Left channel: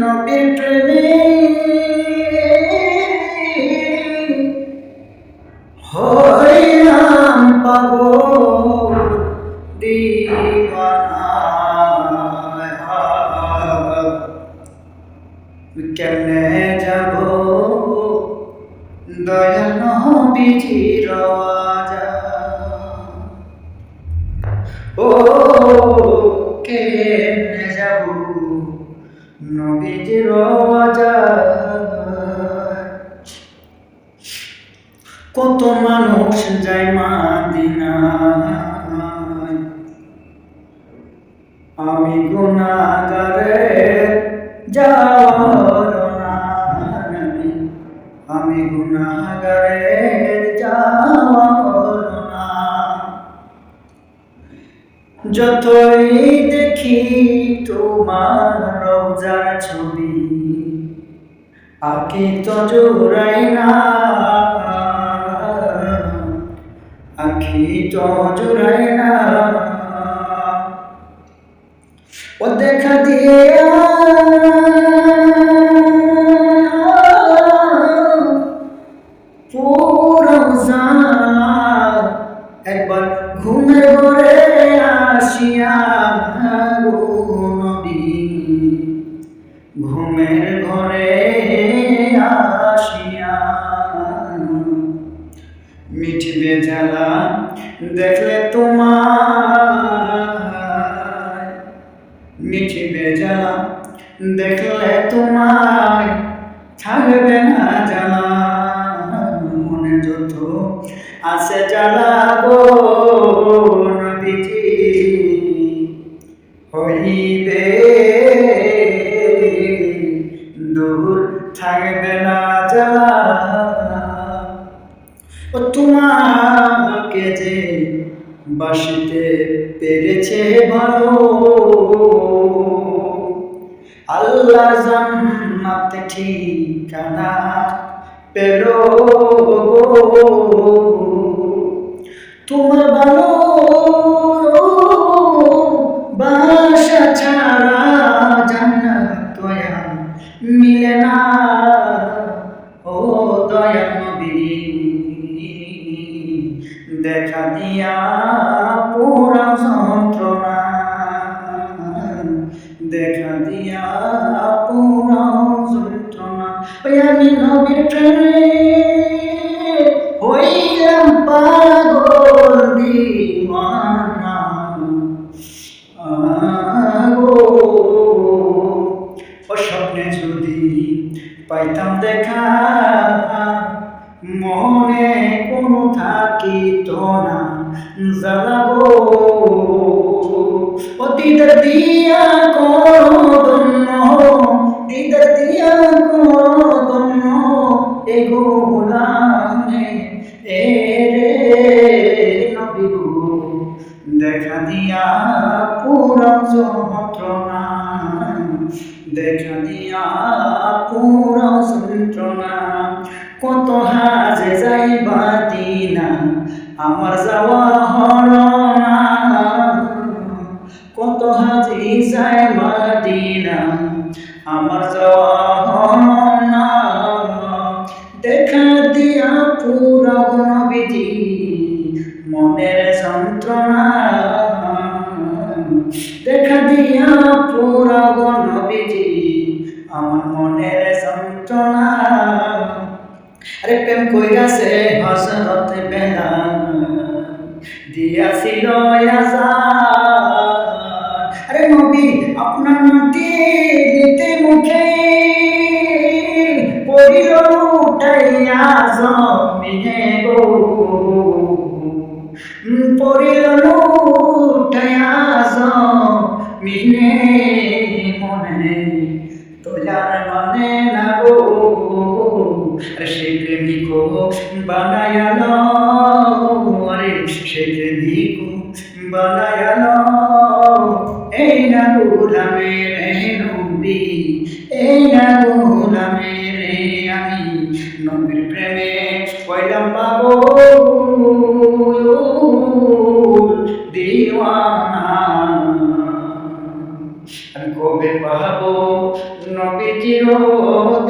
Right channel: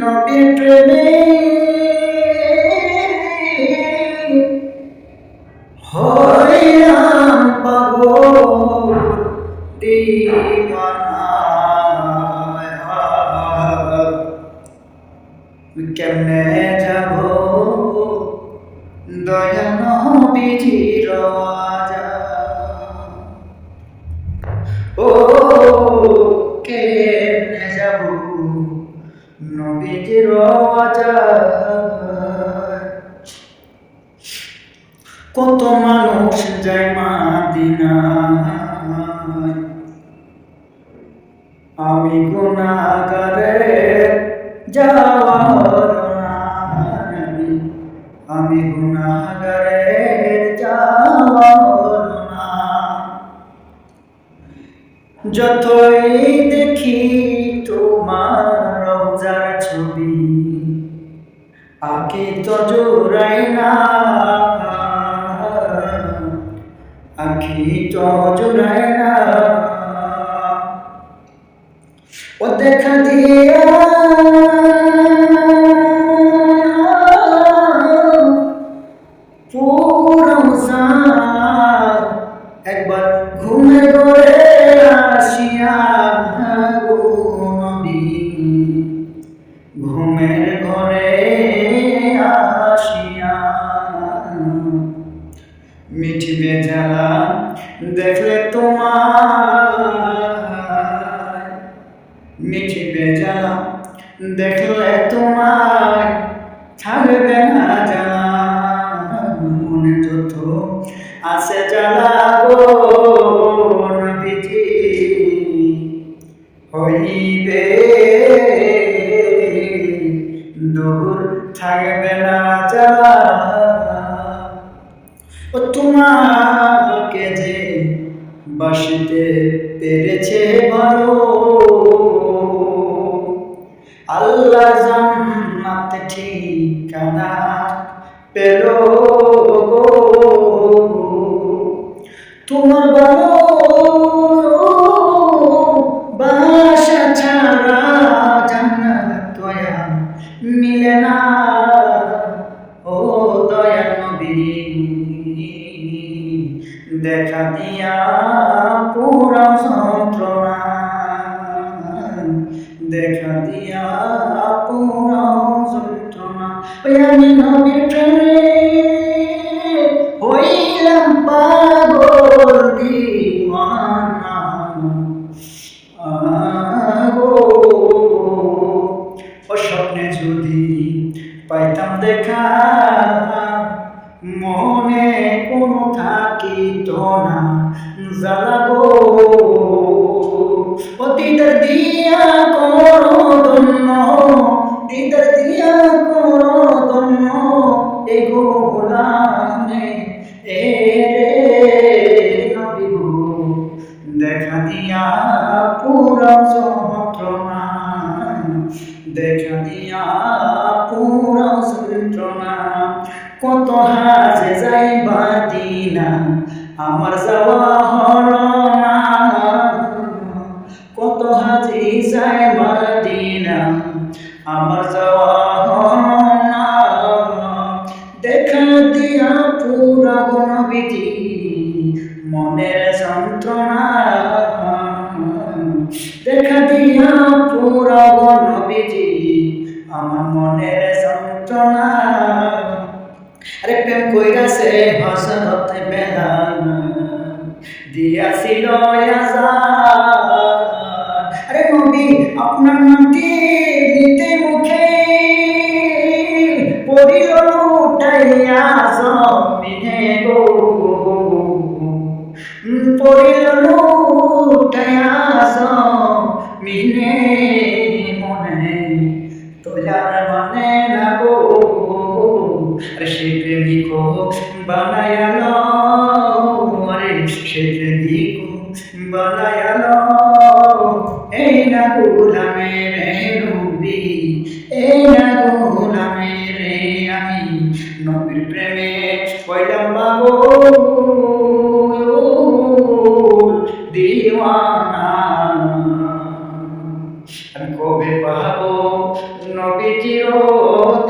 নবীর প্রেমে হইলাম পাগল দিওয়ানা। কেমনে যাব দয়াল নবীজির রওজা, ও কেমনে যাব নবীজির রওজা। কত মানুষ যায় মদিনায়, আমি গুনাহগারে যাওয়ার না, আমি গুনাহগারে যাওয়ার না। যতই দেখি তোমার রওজার ছবি, আঁখি তো জুড়াই না, আঁখি তো জুড়াই না। ও দেখা দিয়া পুরো একবার ঘুমের ঘরে আসিয়া গো নবী, ঘুমের ঘরে আসিয়া মিঠবে জ্বালা দেখলে তোমার, মিঠবে জ্বালা দেখলে তোমায় থাকবে না জ্বালা। মনে যত আছে জ্বালা গো নবীজি, হইবে দূর থাকবে না জ্বালা। ও তোমাকে যে বাসিতে পেরেছে ভালো, আল্লাহর জান্নাত ঠিকানা পেল গো। তোমার ভালো বাসা ছাড়া জান্নাত দয়া মিলে না, ও দয়াল নবী দেখা দিয়া পুরা যন্ত্রণা, দেখা দিয়া পুরা যন্ত্রণা। ওই আমি নবীর প্রেমে হইলাম পাগল দিওয়ানা গো। ও স্বপ্নে যদি পাইতাম দেখা, মনে কোনো থাকিত না জ্বালা গো। ও দিদার দিয়া করো ধন্য, দিদার দিয়া করো ধন্য, এ গোলামে এ রে নবী গো। দেখা দিয়া পুরা যন্ত্রণা, দেখা দিয়া পুরা যন্ত্রণা। কত হাজে যাই মদিনা আমার যাওয়া হলো না, কত হাজি যায় মদিনা আমার যাওয়া হলো না। দেখা দিয়া পুরা নবীজি মনের যন্ত্রণা, দেখা দিয়া পুরা নবীজি আমার মনের যন্ত্রণা। আরে প্রেম কইরাছে হযরত বেলাল, দিয়াছিল আযান। আরে নবী আপনার নামটি নিতে মুখে পড়িল লুটাইয়া জমিনে গো, পড়িল লুটাইয়া জমিনে। মনে তোজার মানে না গো, আরে সেই প্রেমিক বানায়ালো, আরে সেই প্রেমিক বানায়ালো। এই না গোলামের নবী, এই না গোলামের আমি নবীর প্রেমে হইলাম পাগল দিওয়ানা। আমি কবে পাবো নবী চিরদিন